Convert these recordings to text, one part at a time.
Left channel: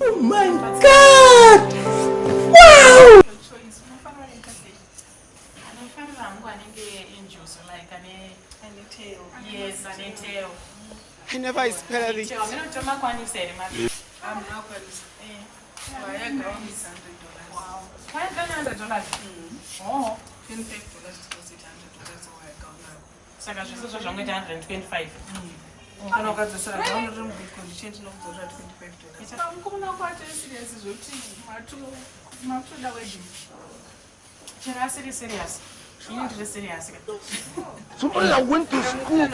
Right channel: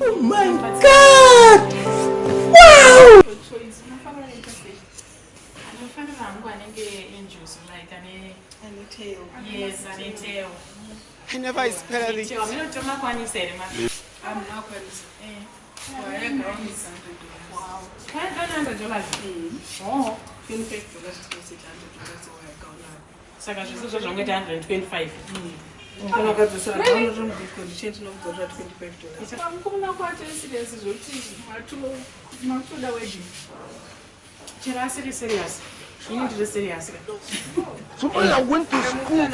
Oh my God! Wow! I never expected it. Wow. $500. Oh. So that's just 125. Serious. You need to be serious. Somebody that went to school. At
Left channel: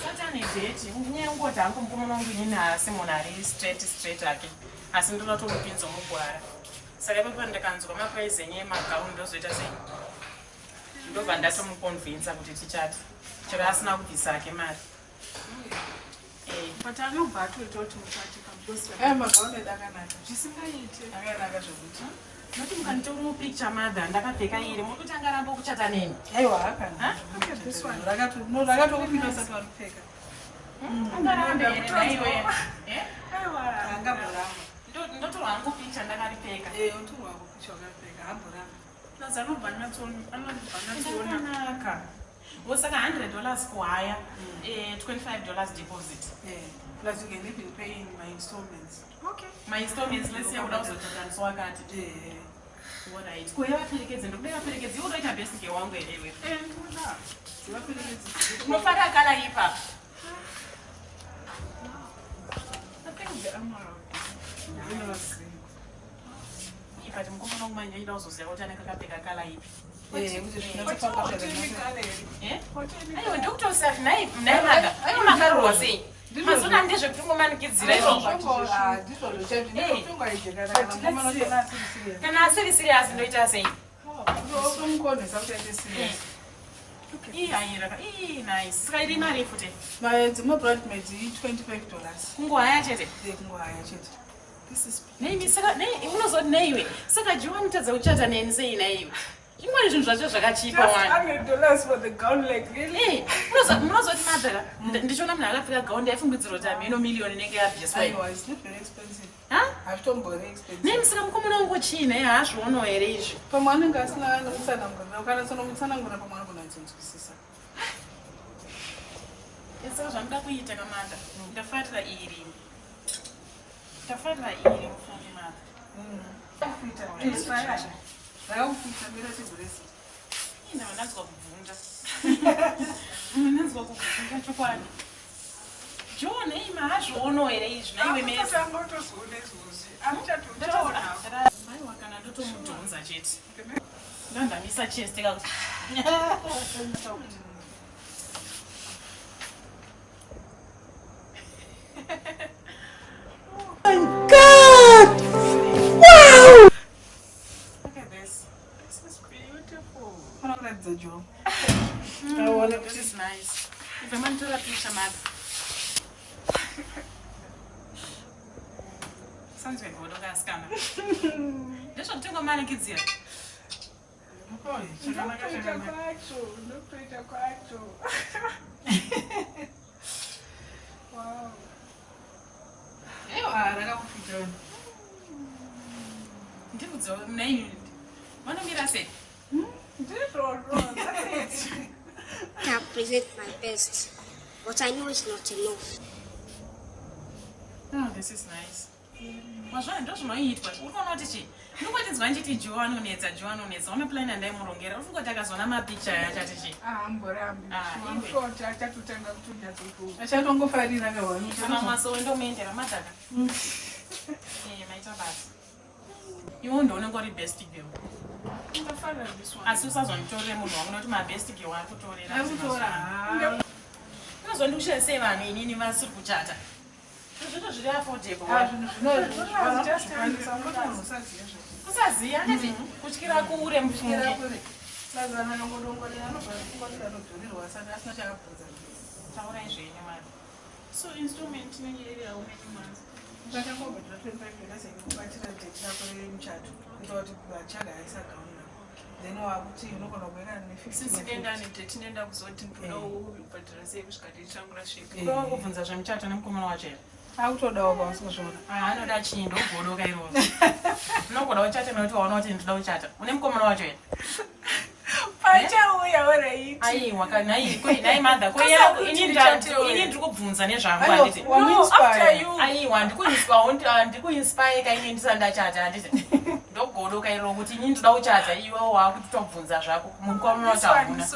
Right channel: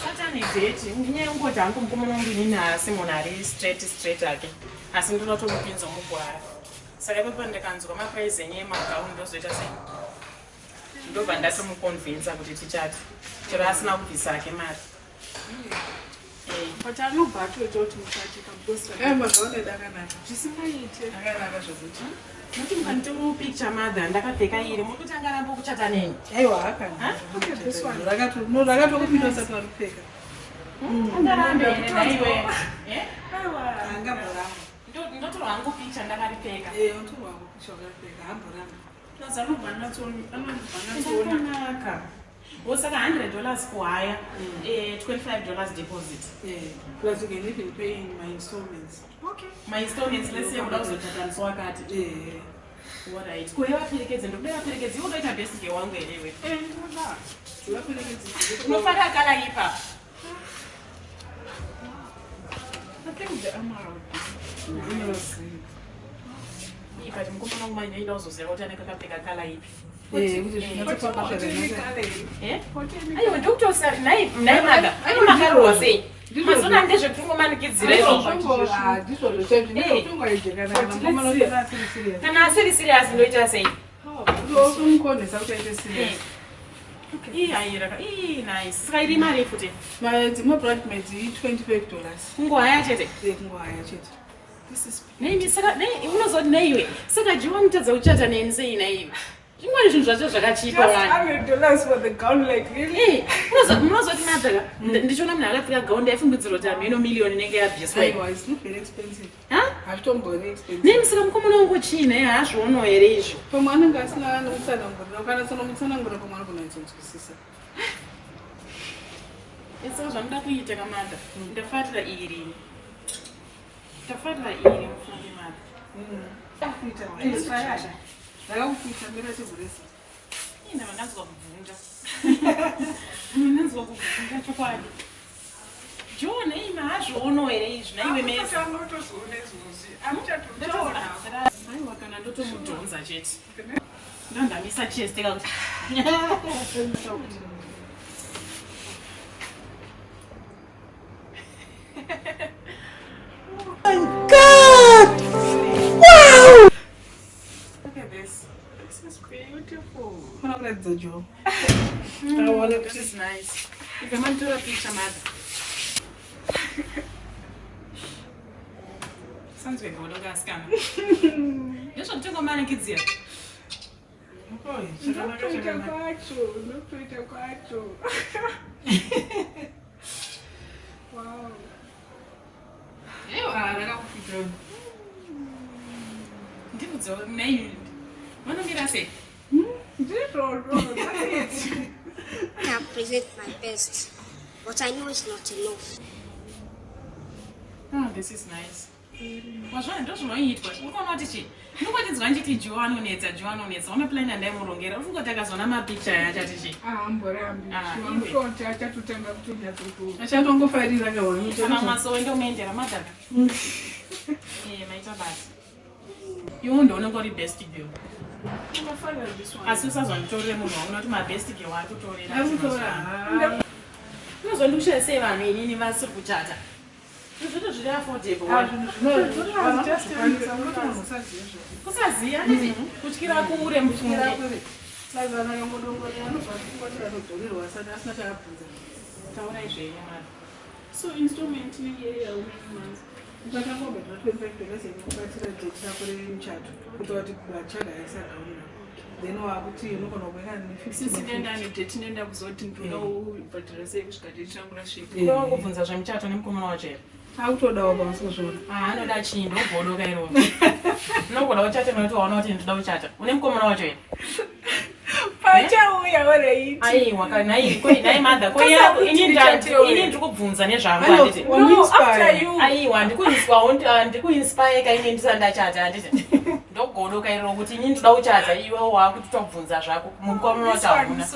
certain date, you go down to Simonari straight again. As in not all pins on the wire. So everyone that comes from a place in your mouth, those that say, you don't have some convince about it. Just now, this I can mad. But I know about to talk to I'm a good just nothing can do picture mother and I can take a year. Kuchata name. This one. I got to open us at one figure. Not to uncle picture and I got to take a what's $100 squire, $25 deposit. Plus you can even pay my installments. Okay. My installments, let's say, without the total, so I got what I square applicants and the applicants, you will get a basic one way anyway. No father can I I think the amount. If I don't go on my name, also say, what I can take a color. Doctor said, "Name, I was saying, this one and zvekumanikidzira. Can I say serious? No, just say. Nice. I remarry for it. My bridesmaids $25. This is name is not name. Said you want to Kuchata and say name. You want to just a cheap $100 for the gown, like really? What's the matter? Did you not have to go there from the million in India? Just like it's not very expensive. Huh? I've told very expensive. Names some common on which he may ask one or age. From one and that's not on the it's also not we take a matter. The father eating. The father eating from the mother. It's fire. I don't think I'm going to do this. You know, that's what that's what John, I don't know age. I'm not to Jones at it. Don't let me such a still. My God! Wow! I like the job. Oh, this is nice. If I want to have a mother. Sounds good. What do I scam? This one took a manikidzira. Wow. Yeah, I don't feel good. Name. What did I say? I have presented my best, but I know it's not enough. Oh, this is nice. Was one doesn't know it, but what is it? Nobody's going to teach you one on it. I'm a plan and then we'll get over the gas on a picture. I'm sure I to tell them to that. I shall don't go fighting like a one. I'm so in the main matter. You won't know nobody best to do. As soon as I'm told them, not my best to go out to told it. I was on Lucia say, I mean, universal Kuchata. You don't affordable. Just so instrument in the area of but I'm going to $25 in the chat without it. then wakuti unogona kuenda Since ne-50 nenda nedate nenda kuzoti ndoda ubhadhara sei kusvika date changu rasvika. Kuva kubvunza zvemuchato nemukomana wacho here. akutodawo pamusozvona Anoda chii ndobhodoka iroro. Unogona uchata kuti waona kuti ndoda kuchata. Une mukomana wacho here. pachauya wareiti Aiwa nai madha ini ndiri kubvunza nezvangu handiti. Aiwa ndikuinspire kaine ndisati ndachata handiti. Ndogodoka iroro kuti ini ndoda kuchata iwe wakuti tobvunza zvako mukomana wacho hamuna.